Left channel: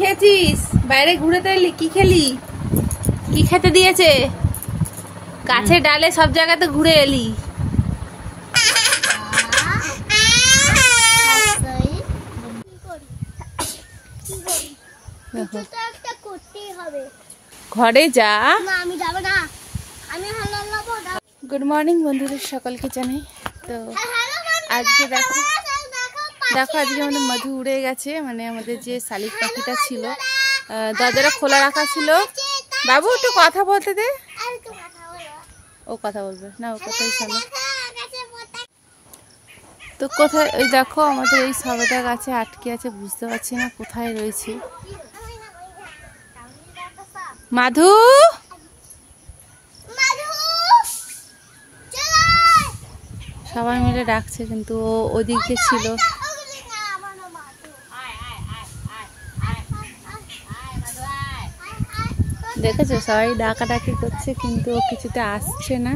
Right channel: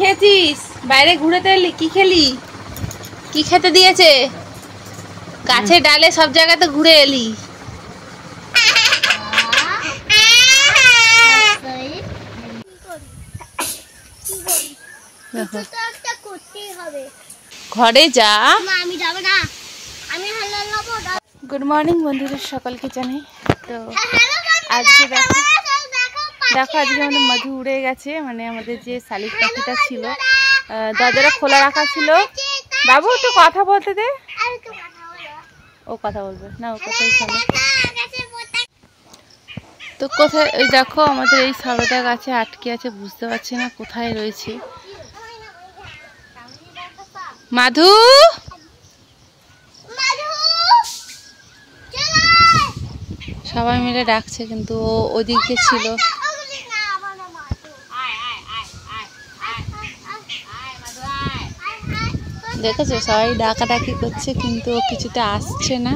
খেয়েছিস? বাইরে ঘুরে তো এলি, কি খেলি? কি খেতে দিয়েছে? গাছে ডালে সব জায়গাতে ঘুরে এলি। ঘরে যা। গুড মর্নিং বন্ধুরা, সকলকে জানাই। তো আজকে দেখো আজকে আমাদের মধু উড়ে গেছে। মানে আমাদের যে শালিক পাখিটা ছিল, দরজাটা খোলা রাখা ছিল। বাবু একটু কথা বলতে দে। ও কথা বলবে না, ও কথাই শোনো। তো কোথায় দেখো আমাদের এই সবেদা গাছে আটকে আছে, বুঝতে পারছি না কোথায় রয়েছে। মাধু, সবাই মিলে ডাকছে কিন্তু ও ওদিকে ছিল। দেখেছো সবাই ডাকাডাকি করছে কিন্তু ও কিছুতে আসছে না।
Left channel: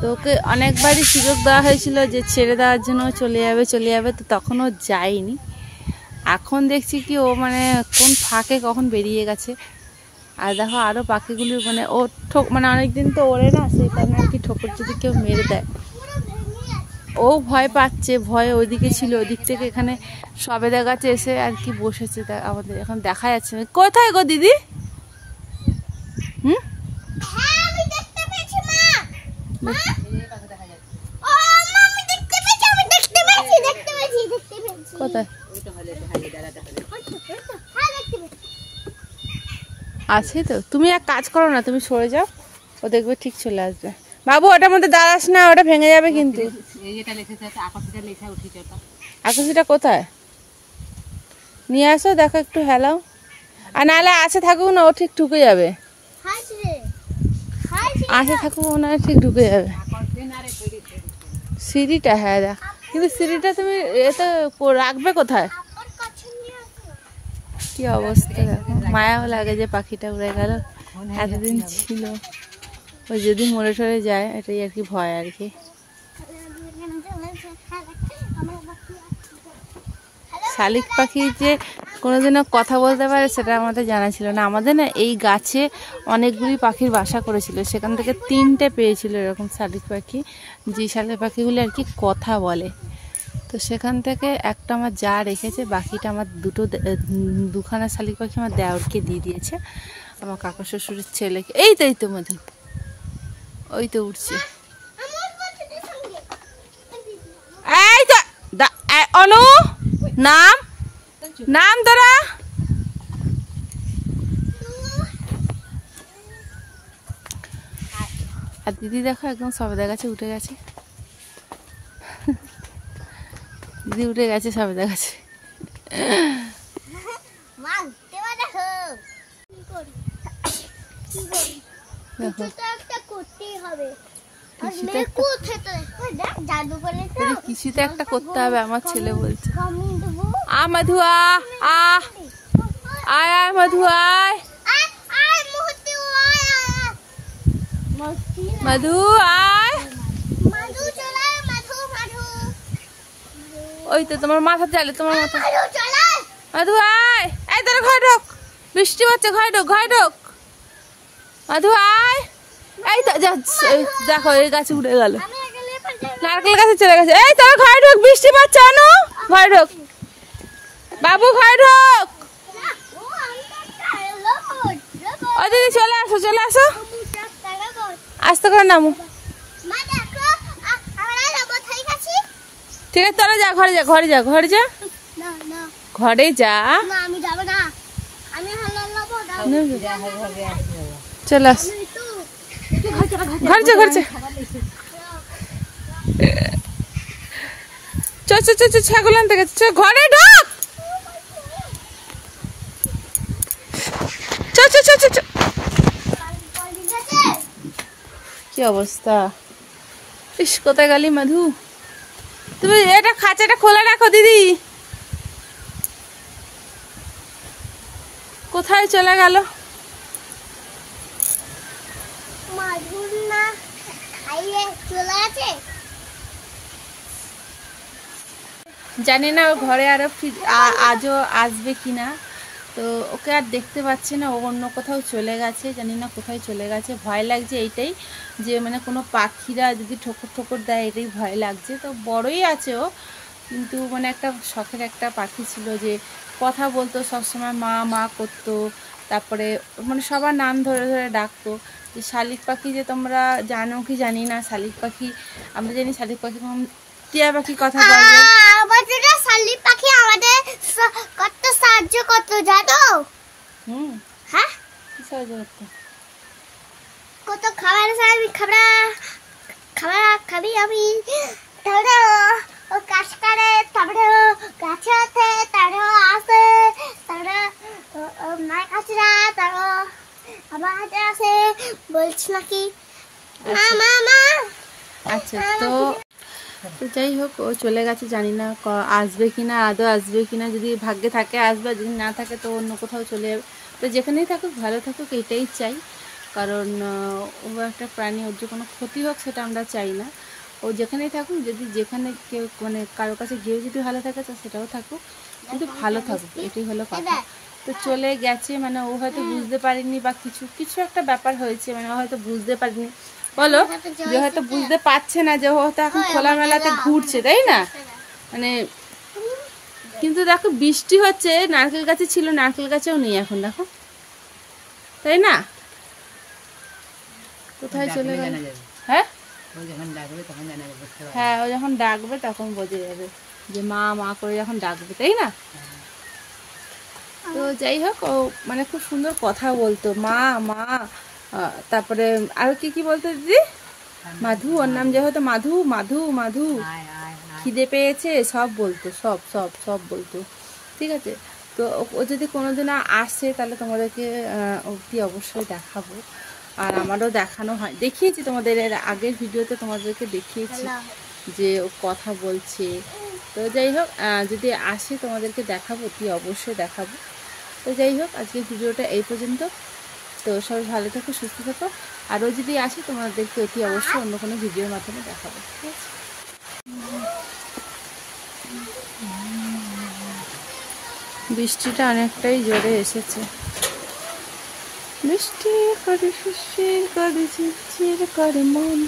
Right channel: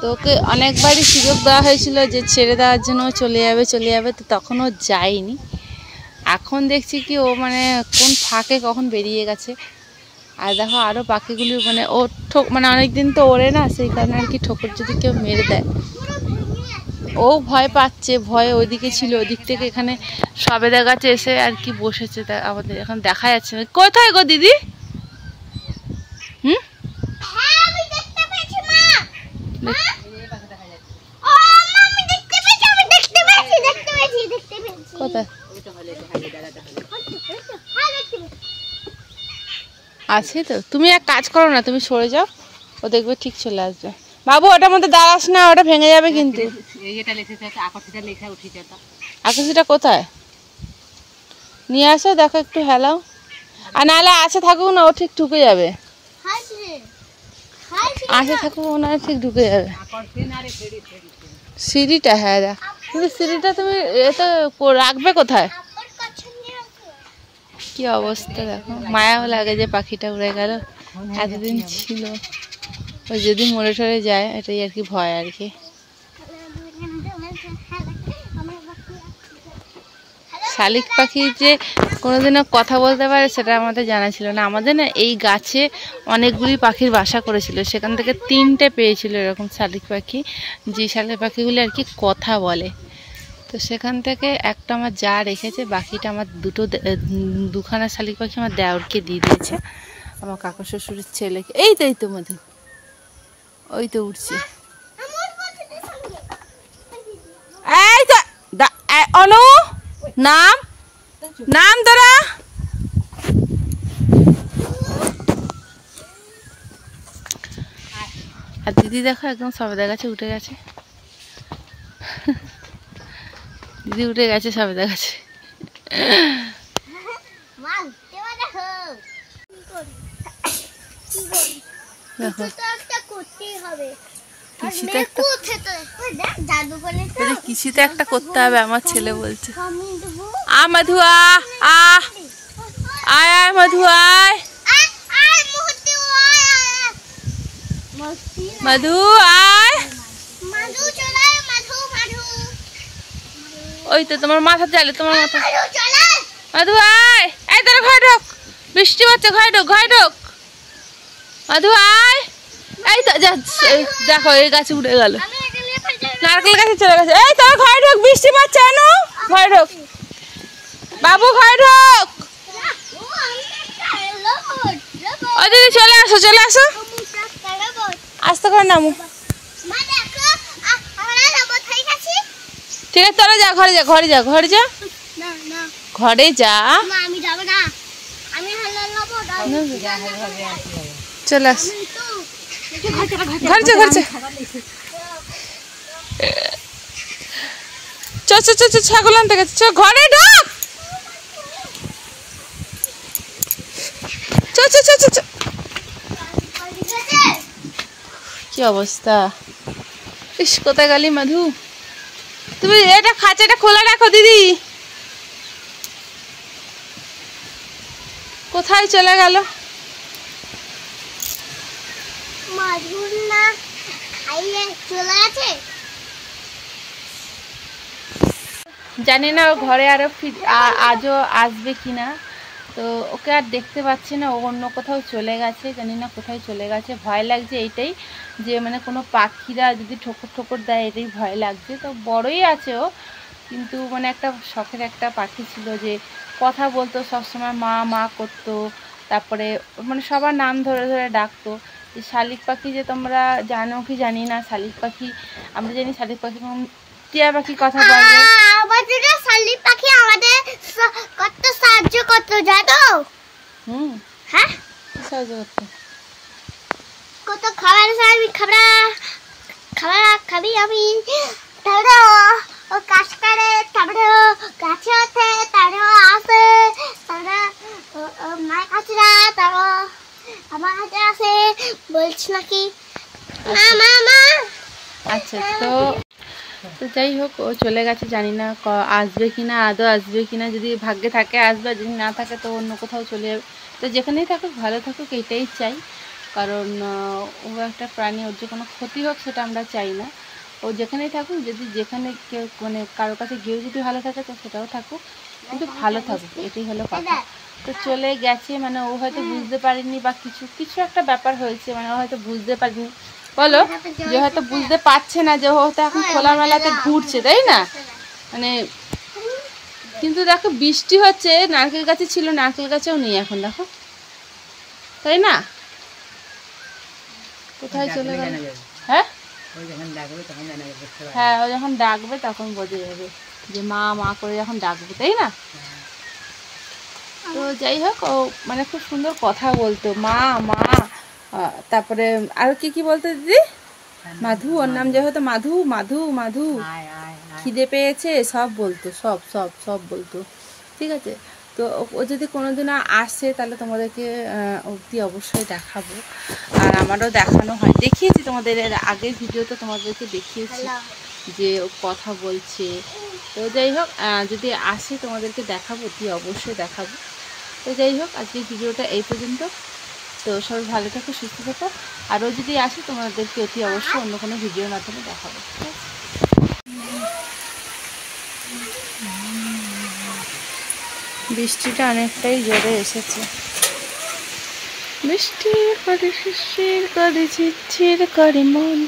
তো ওকে অনেকবারই সুযোগ দেওয়া হয়েছিল যে ছেড়ে দেওয়ার জন্য চলে যাবে, তো তখন ও যায়নি। এখন দেখছি কি ও মানে কোন ফাঁকে কখন বেরিয়ে গেছে। আর দেখো আরও পাখিগুলি মানে ও মানে অনেকদিন তো ওড়ে না, সেই কারণে আর কি ঠোকর যদি কেউ মেরে দেয় ও ভয় পাচ্ছে। ভয়ে ওইদিকে ছিল, ওদিক থেকে এখানে সবেদা গাছে এসে আর কি বসেছে। আমাদের এখন দেখা যাচ্ছে না। কোথায় গো দিদি? আছে তো, তুমি এক কাজ করো না, তুমি সরে যাও, ও দেখবে ঠিক চলে আসবে। বাবু ওটার মধ্যে দাঁড়াস না, ওটা ভেঙে যাবে কিন্তু। আকাশিটা কোথায় নিয়ে আসো, দেখো একটু হেলাও। আর নাহলে আসে থাকুক না, ও ঠিক ঢুকে যাবে। আসে থাকুক না, ঠিক ঢুকে যাবে। সিঁড়িটা, হ্যাঁ দেখ, কিন্তু সিঁড়িটা তুমি এতে রাখবে কোথায়? কি অবস্থা দেখো, মায়াও লাগে যে পাখিটা উড়ে গেল, এতদিন ছিল। ওই যদি মরে টরে যায়, এটাই আর কি ভয় আর কি। শালিক পাখি যে কোনোদিনও কথা বলতে পারে সেটা আমাদের জানা ছিল না। আমাদের না এই গাছে অনেকগুলি পাখির বাসা করেছিল, সেখান থেকে 3টে পেয়েছিল এরকম শালিক পাখি, যে শালিক পাখিগুলি আর কি কথা বলে। তো সেখান থেকে একটা আমার যা রেখেছে, বাকিটা আমার দুখানা শালিক পাখি আমার দেওরকে দিয়ে দিয়েছে, আমার কাকা শ্বশুরের ছেলেকে। এই তো মধু, ওই তো উঠছে। এই তো অনু, নাম তোরা। আর দিদি দেখো একদম সবেদা গাছে উঠে গেছে। দিদি উঠে গেছে সবেদা গাছে। কিছুতে একটা করতে হবে, আমার ছেলে বলছে। মধু আয় মধু আয়, মধু আয়। ওই তো তোমার মাথা চালে, তোমার মাথা। মধু আয়, এই তোর ঘরে ঢোক, বৃষ্টি হচ্ছে, ঘরে ঢোক। মধু আয়, এই তো দেখো এই গাছে উঠে গেল, নারকেল গাছে চলে গেছে। এই তোর ঘরে ঢোক, বৃষ্টি পড়ছে। অনু ঘরে ঢোক, বাবু ঘরে ঢোক। ও দিদি চলে আসো, আসতে করে নামো। ঠিক আছে তোরা যা, ঘরে যা। ঘরে যা, চলে আস। ঘরে ছাগল আনতে গেছে, ঘরে ঢোক। কি অবস্থা, ইস কোথায় গেলি মধু? তুমি এটা খাঁচাটা খোলা রাখো দিদি। কোথায় চলে গেল? জানি না ও ঘরে আরো আজও আসবে কিনা। তো ওকে আর দেখতে পাচ্ছি না, ও অন্য কোথাও চলে গেছে, জানি না কোথায় চলে গেছে। ভয় লাগছে এইটাই যে মানে কোনো পাখিরা যদি ঠোকর ঠোকর দেয়, এটাই ভয় লাগছে। তো বড়ই আছে ও, কিন্তু মানে একটা শখের একটা পাখি ছিল যে কথা বলতো সবসময়, মা মা করতো, তারপরে মানে সবার নাম ধরে ধরে ডাকতো। যে শালিক পাখি যে তোমরা জানো কি জানি না, শালিক পাখি আমরা জানি শালিক পাখি টিয়া পাখি কথা বলে। শালিক পাখি আমাদের কত সাহায্য করতো জানো? হ্যাঁ সাহায্য করতো, কত খাবার খাবি আমি, তারপরে ও কাজ করে, তারপরে গাছে ওঠে, তারপরে আসে, তারপরে মায়ের কাছে যায়, তারপর আমার কাছে আসে, বলছি নাকি মা। আচ্ছা, তো যাই হোক, ও চলে গেছে, জানি না আসবে কিনা, আদৌ আসবে কিনা। যদি ভাগ্যে থাকে আসবে, যদি না থাকে তো অন্য কোথাও চলে যাবে। তো যেখানেই থাকুক ভালো থাকুক, এটাই চাই। কারণ ও একটা প্রাণী, ওর যে কোনো ক্ষতি হোক সেটা আমরা চাই না। ও যেখানেই থাকুক, যদি যেখানে কেউ মানে কারো কাছে গিয়েও যদি ভালো থাকে তো সেটাও থাকুক, কিন্তু ভালো থাকুক, এটাই হলো কথা। তো চলে গেছে, মানে ও হয়তো বুঝতে পারেনি বা কিছু একটা ব্যাপার হয়েছে, মানে ও হয়তো বুঝতে পারেনি, বলো যে হয়তো বুঝতে পারছে না যে ও হয়তো এখন খোলামেলাতে ঘুরছে, তাই না? মানে কিন্তু দেখো বৃষ্টি হচ্ছে, নারকেল গাছে ছিল, নারকেল গাছেও নেই এখন, দেখো, তাই না? কোথায় চলে গেল? হ্যাঁ হ্যাঁ, ও যখন ডাকবে তখন বোঝা যাবে যে মা মা করে যখন ডাকবে, তাই না? তো যাই হোক, ও মানে খুব সুন্দর কথা বলতো, মা মা। তারপরে আর কি বলতো দিদি? মাধু, ওর নাম যে হয়তো মাধু মাধু মাধু, খিদে পেয়েছে, সব বলতো, সব সব সব বলতো। ঠিক আছে, তো ও যদি কোনোদিন আসে তাহলে তোমাদেরকে অবধি অবশ্যই দেখাবো। আর আমারও দেখানো হয়, দেখিয়েছি তোমাদের এর আগের ভিডিওতে, তোমাদেরকে দেখিয়েছি যে ও কথা বলছে। তো যাই হোক, যদি আসে তোমাদেরকে দেখাবো, অতি অবশ্যই দেখাবো। তো যাই হোক, আজকে ভিডিওটা এই পর্যন্ত। তো সবাই ভালো থাকো, সুস্থ থাকো। আরও যদি আসে তোমাদেরকে অতি অবশ্যই অন্য কোনো ভিডিওর মাধ্যমে দেখাবো। বৃষ্টিটা অনেকটাই জোরে এসেছে, বৃষ্টি করে শিশির করে ঝিরঝির করে মন।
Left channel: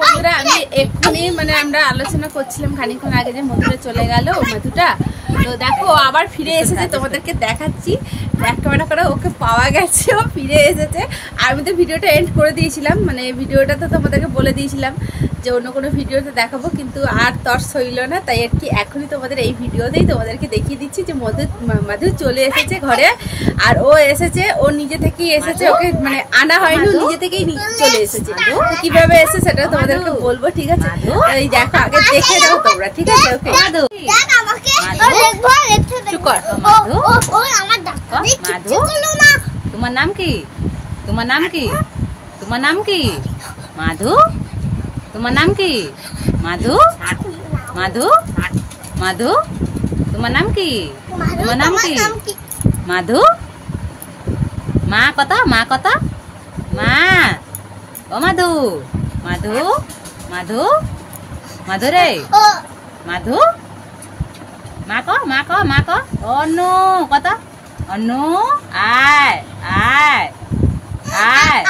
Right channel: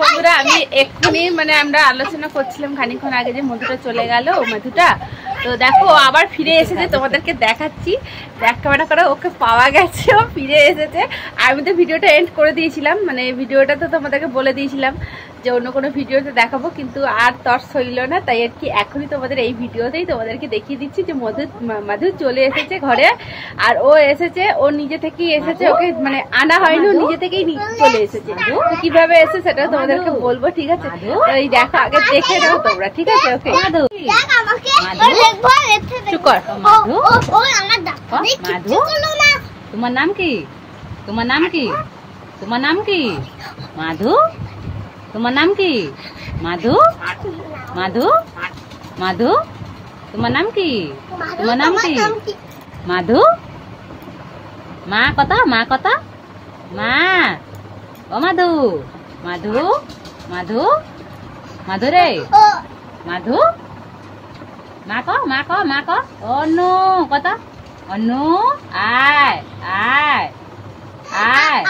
বন্ধুরা, আমি এক্ষুনি মানে আমরা আলোচনা করছিলাম খানিক্ষণ আগে যে মধুটা চলে গেল, মধুটা। তো দেখো আবার ফিরে এসেছে, তোমাদেরকে দেখাচ্ছি। ব্যাক ক্যামেরা করে ওকে পাওয়া গেছে, ও ফিরে এসেছে। আমি তো ভিডিওটা এন্ড করে দিয়েছিলাম, মানে ভিডিওটা তো তোমাদেরকে বলে দিয়েছিলাম যে অন্য কোনো ভিডিওতে দেখাবো, কিন্তু আর তর্স হইল না, তাই আর কি এখনই তোমাদের এই ভিডিওতেই তোমাদেরকে দেখিয়ে দিচ্ছি যে মধু চলে এসেছে ঘরে। আর ও এসেছে, ও নিজে থেকেই এসেছে, ওকে মানে আনা হয়নি, নিজে থেকেই চলে এসেছে। কিভাবে এসে সেটা তোমাদেরকে বলবো, ঠিক আছে? এই দেখো, আগে দেখে নাও তোমরা, ঠিক আছে? ওকে মাধু, মাধু, মাধু, তোমার নাম কি? তোমার নাম কি? তোমার নাম কি? মাধু, তোমার নাম কি? মাধু, মাধু, মাধু, তোমার নাম কি? তোমার নাম কি? মাধু, মা কথা, মা কথা, মা, ও মাধু, মাধু, মাধু, মাধু রে, মাধু, মা ক, মা ক, মা ক, অনু কথা, অনু, আয় আয় আয়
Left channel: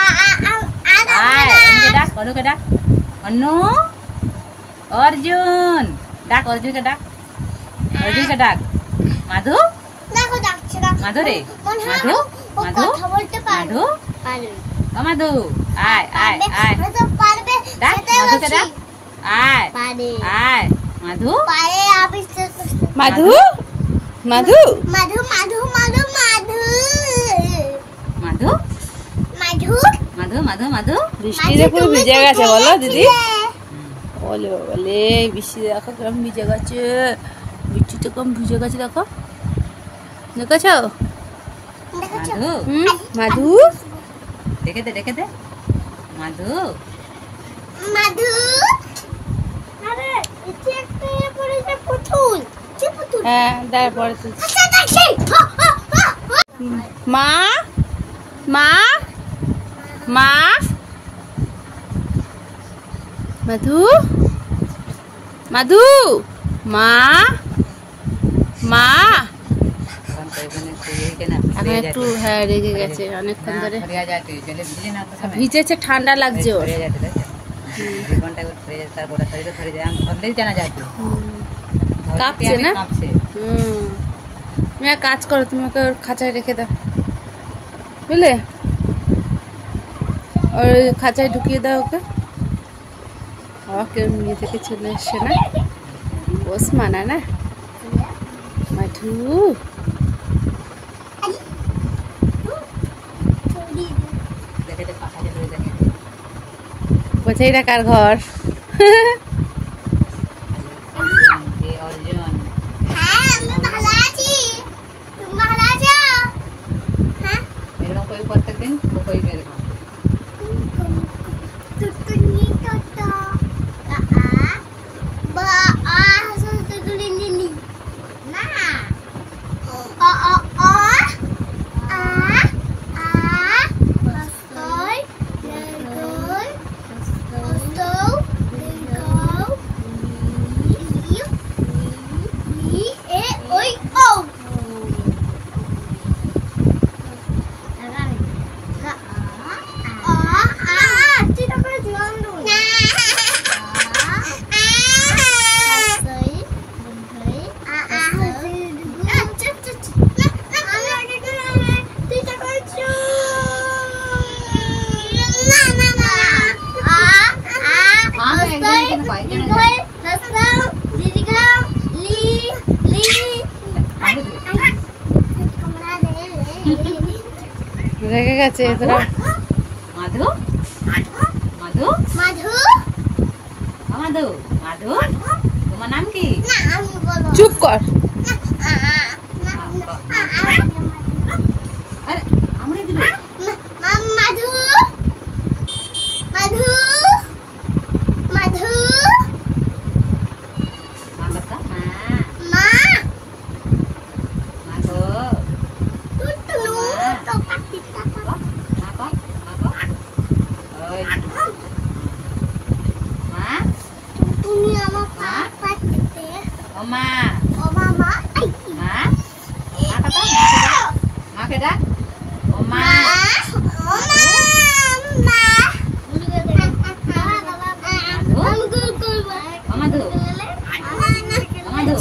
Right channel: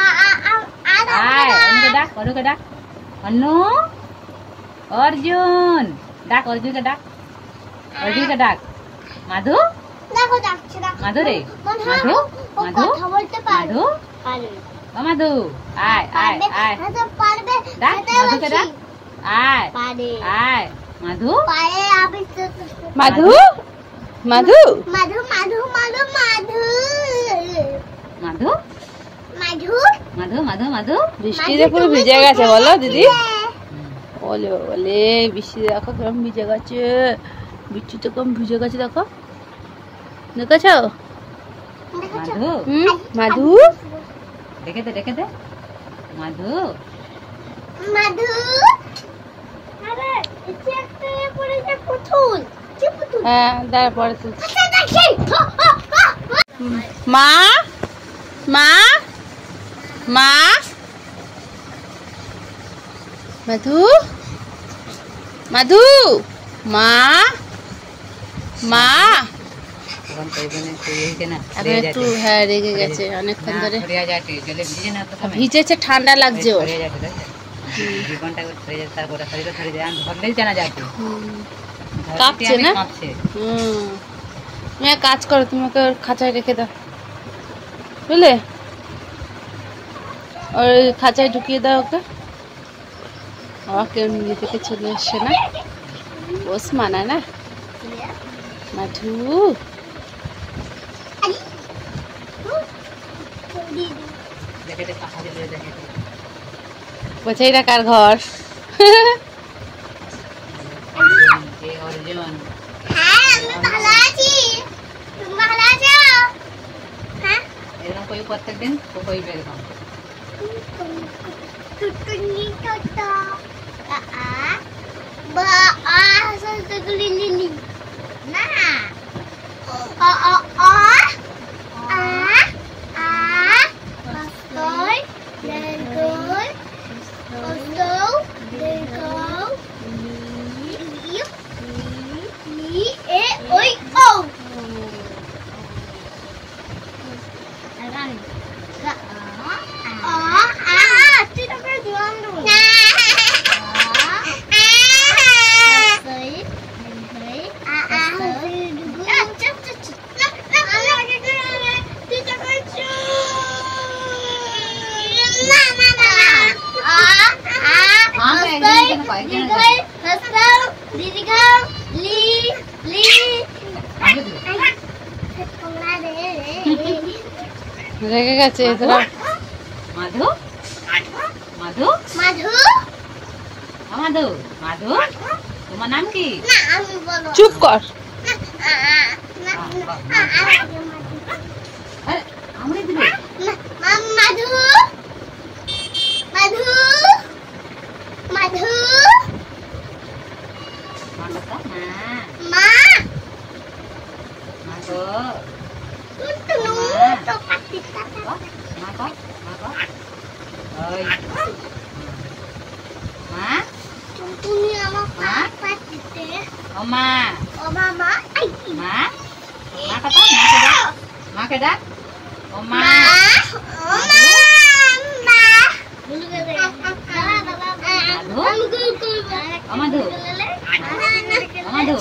আয়, অনুকে ডাক, অনুকে ডাক, অনু, অর্জুন ডাক, অর্জুনকে ডাক, অর্জুনকে ডাক, মাধু, মাধু রে, মাধু, মাধু, মাধু, ও মাধু, আয় আয় আয়, ডাক, মাধুকে ডাক, আয় আয়, মাধু, মাধু, মাধু, মাধু, মাধু, মাধু, মাধু, মাধু। বৃষ্টিতে পুরো ভিজে গেছে, বলো দিদি? বলে বলে বৃষ্টি দেখো কেমন ভিজে গেছে, বৃষ্টিতে কম ভিজে গেছে, দেখো, দেখেছ? মাধু, মাধু, দেখে দে, দেখে দে, মাধু, মাধু, হ্যাঁ দেখ পরে তুলছি। মা, মা, মা, মাধু, মাধু মা মা একটু হ্যাঁ রেগে গেছে অনেকক্ষণ ধরে ভিজেছে ঠান্ডা লাগছে ওর কাঁপছে না তুমি এক কাজ করো তুমি ওকে ওর খাঁচায় রেখে দাও বুঝলে ওর খাঁচায় ঢুকিয়ে দাও ওকে কেউ নিজে থেকে চলে এসছে না পোষ মানা না মাধু বলছে এটা কার ঘর প্রত্যেকদিন রেগে গেছে মাধু মাধু মাধু মাধু মাধু তোমার নাম কি চুপ কর আমরে দিবে মাধু মাধু মাধু মা কথা মা মাধু টুটু তো পাতি টাকা মা কো ওই মা তুমি আমার পাতিতে ও মা ও মামা আই মা মা কথা মা কে ডাক ও মা ও মা বলু গে দে মাধু মাধু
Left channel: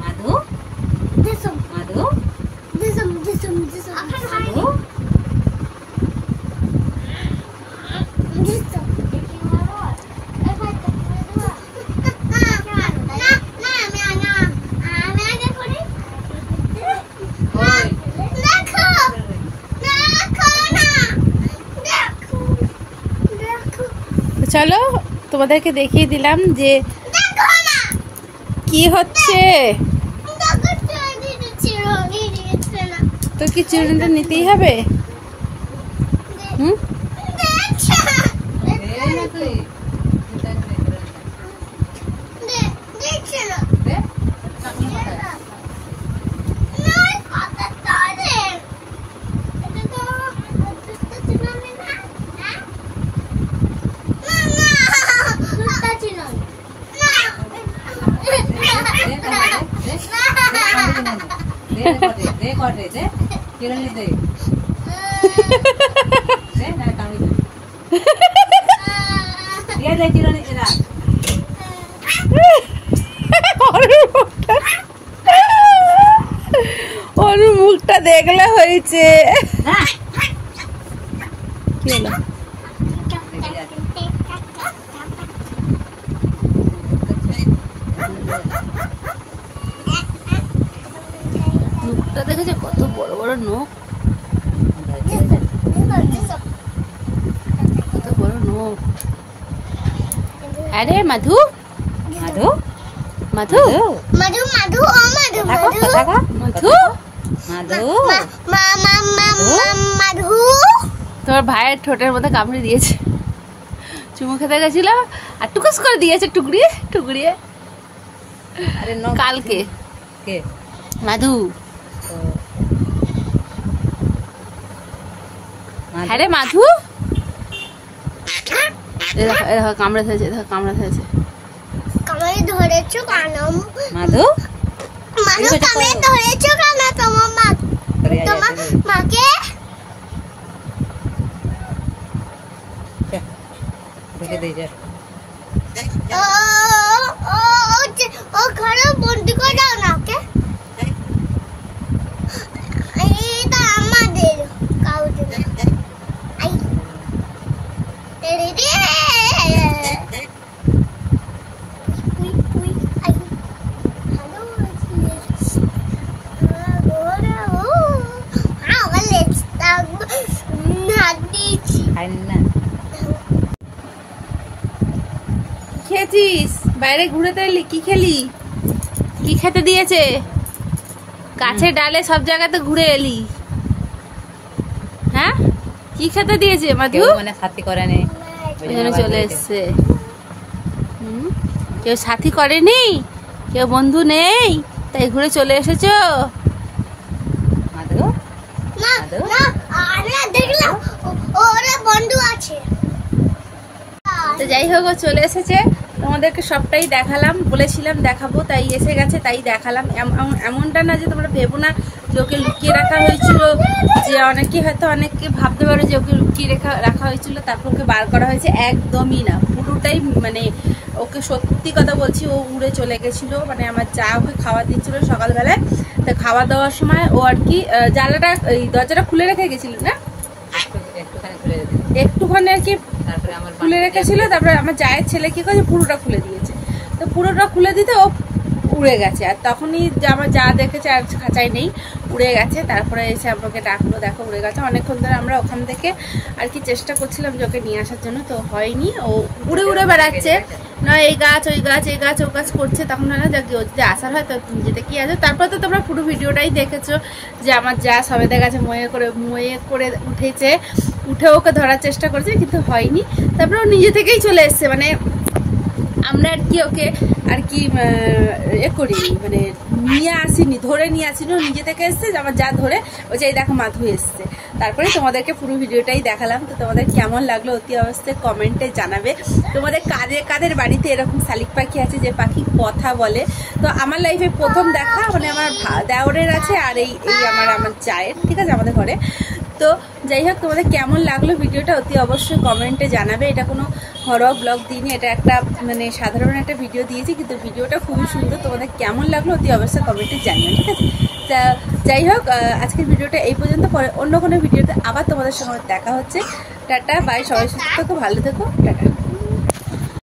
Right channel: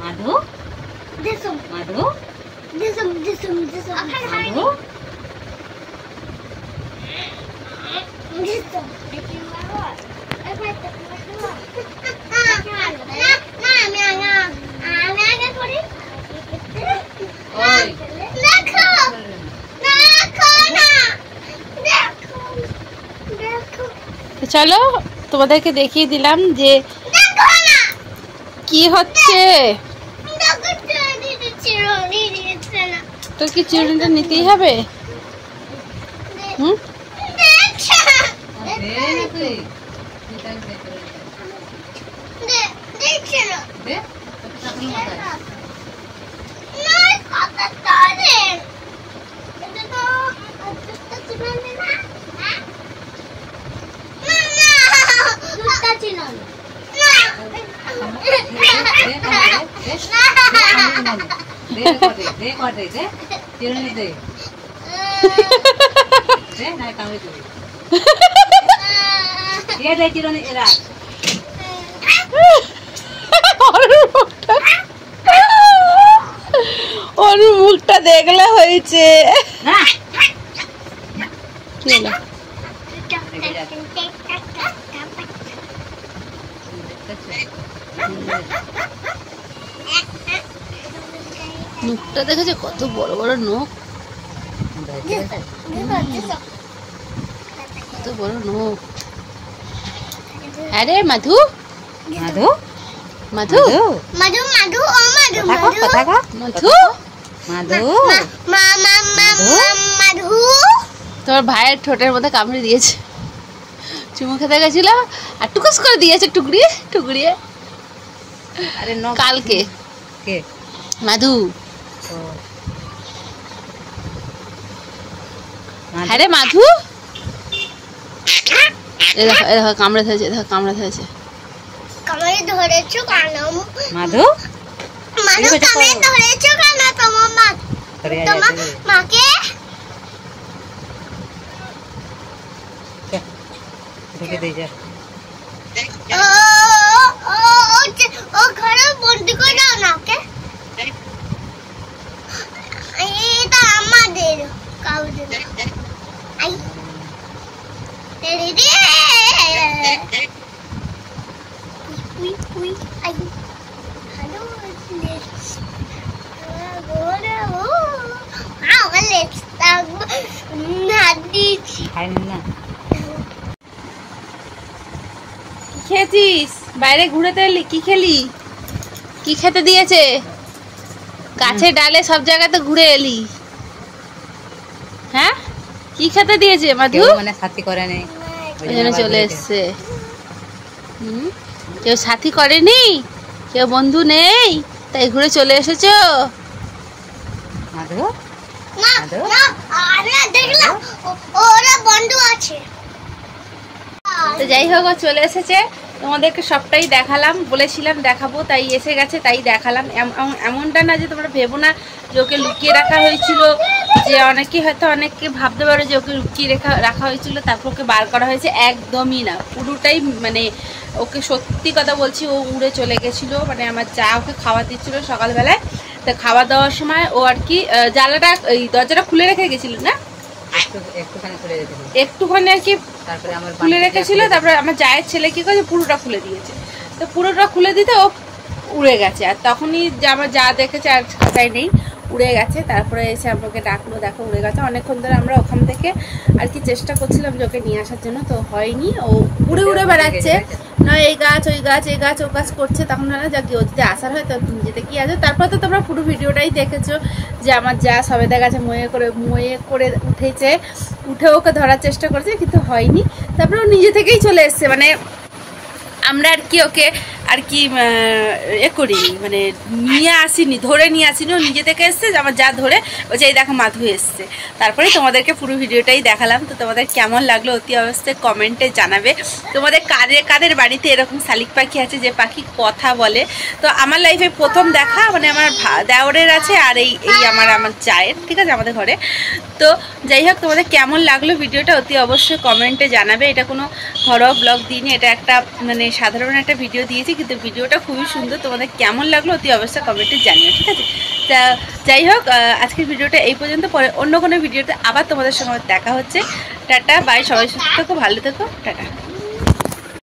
মাধু দেসম মাধু দেসম দেসম দেসম মাধু দেসম চলো তোমাদেরকে দেখিয়ে দিলাম যে কি হচ্ছে তো কি চিরুনিটা নিতেই হবে হুম ওর মুখটা দেখলে হয়েছে কি হলো মুখটা দেখেছে কত বড় বড় নখ কত বড় নখ আরে মাধু মাধু মাধু মাধু মাধু ও মাধু মাধু মাধু মাধু তোমার ভাইয়ের ঠোঁটের মধ্যে কামড়ে দিয়েছে চুমু খেতে গেছিল আর টুকুস করে দিয়েছে টুকরিয়ে টুকরিয়ে আরে কালকে কে মাধু হ্যাঁ রে মাধু দেখো কামড়ে ধরেছে দেখো কামড়ে ধরেছে কামড়ে ধরেছো কেন? মাধু মাধু কানে ধরেছো কেন তোমার মা? তোমার মাকে ঢুকে দিয়ে যা। ও ঘরে বন্দি করে দাও না ওকে। এটা আমাদের কাউদের আই রে we we I hello let's ওরে ও লেটস নাদিছি খাইনি না। খেয়েছিস? বাইরে ঘুরে তো এলি, কি খেলি? কি খেতে দিয়েছে? গাছে ডালে সব জায়গাতে ঘুরে এলি, হ্যাঁ? কি খেতে দিয়েছে মাধু? কেউ মানে সাথী করে নেই, ওই জন্য চলে এসছে। কেউ সাথী করেনি, কেউ বন্ধু নেই, তাই ঘুরে চলে এসেছো? মাধু না মাধু না আমি দেখলাম ওরা বন্ধু আছে। তো যাই হোক, ও চলে এসেছে, তোমাদেরকে সবটাই দেখালাম, বলেছিলাম দেখাবো, তাই এসে গেছে, তাই দেখালাম। এমনটা না যে তোমরা ভেবো না যে ওকে লুকিয়ে রাখা হয়েছিল, যে অনেকে হয়তো অনেককে ভাবতে পারো যে ওকে লুকিয়ে রাখা হয়েছিল তারপর ওকে বার করা হয়েছে। একদমই না, পুরোটাই মানে ওকে সত্যি কথা বলছি, ও উড়ে চলে গেছিলো। মানে আমার যা ওকে খাওয়া দিচ্ছিল সকালবেলায়, তো খাওয়া দাওয়ার সময় ও আর কি জানলাটা, এই দরজাটা খুলে রেখে গেছিল না, একটুখানি খুলে রেখে একটুখানি আর কি তারপরে আমার খুলে রেখেছিল। তারপরে আমার জায়ের ছেলে কি করেছে, পুরোটা খুলে দিয়েছে। তো পুরোটা খুলে দিতে ও উড়ে গেছে, আর তখনই আমার যা দেখেছে আর খাঁচাই নেই, উড়ে গেছে। তারপরে এসে আমাকে ডাকলো, দেখো উড়ে গেছে। অনেকক্ষণ ধরে আমরা ওখান থেকে আর কি চেষ্টা করছিলাম যে ওকে নিয়ে আসার জন্য, তো হয়নি। ও উড়ে উড়ে বেড়াচ্ছে, না এই গাছ ওই গাছ, এই গাছ ও গাছ করছে। তখন না যাক ও যদি আসার হয় তো তুমি যেতে কি আছে। তারপর তো তোমরা পুরো ভিডিওটাই দেখেছো যে আমার যা সবেদা গাছে ময়ে করে উঠেছে, উঠে ওকে ধরার চেষ্টা করছে, কিন্তু হয়নি। তারপরে ও নিজে থেকেই চলে এসছে, মানে আমরা আর কি ওকে আর কি করি, মানে নিয়ে আসিনি, ধরে নিয়ে আসিনি, ও নিজে থেকে এসছে। আমার যা ধরে ও যে দেখো মাধু এসছে। তারপরে তোমাদেরকে পুরো ভিডিওটাই দেখালাম। তো তোমাদের কেমন লাগলো অতি অবশ্যই কমেন্টে জানাবে। তোমাদের কাদের বাড়িতে এরকম শালিক পাখি আছে যে পাখি কথা বলে? তো আমার লাইফে প্রথম দেখা, মানে আমার দেওরের আছে, আর এই আমার চায়ের, ঠিক আছে, আমাদের ঘরে। তো যাই হোক, তোমাদের কেমন লাগলো ভিডিওটা অতি অবশ্যই কমেন্টে জানাবে। এটা কোনো ঘরোয়া ব্লগ দিইনি, এটা একটা মানে সাধারণ একটা ভিডিও দিয়েছি, কিন্তু ভিডিওটা খুবই সুন্দর। তোমাদের কেমন লাগলো অতি অবশ্যই কমেন্টে জানিও, ঠিক আছে? তা যাই হোক, আজকের ভিডিওটা এই পর্যন্ত। পরে অন্য কোনো ভিডিওতে আবার তোমাদের সঙ্গে দেখা হচ্ছে। টাটা বাই, সবাই সুস্থ থেকো, ভালো থেকো, টাটা।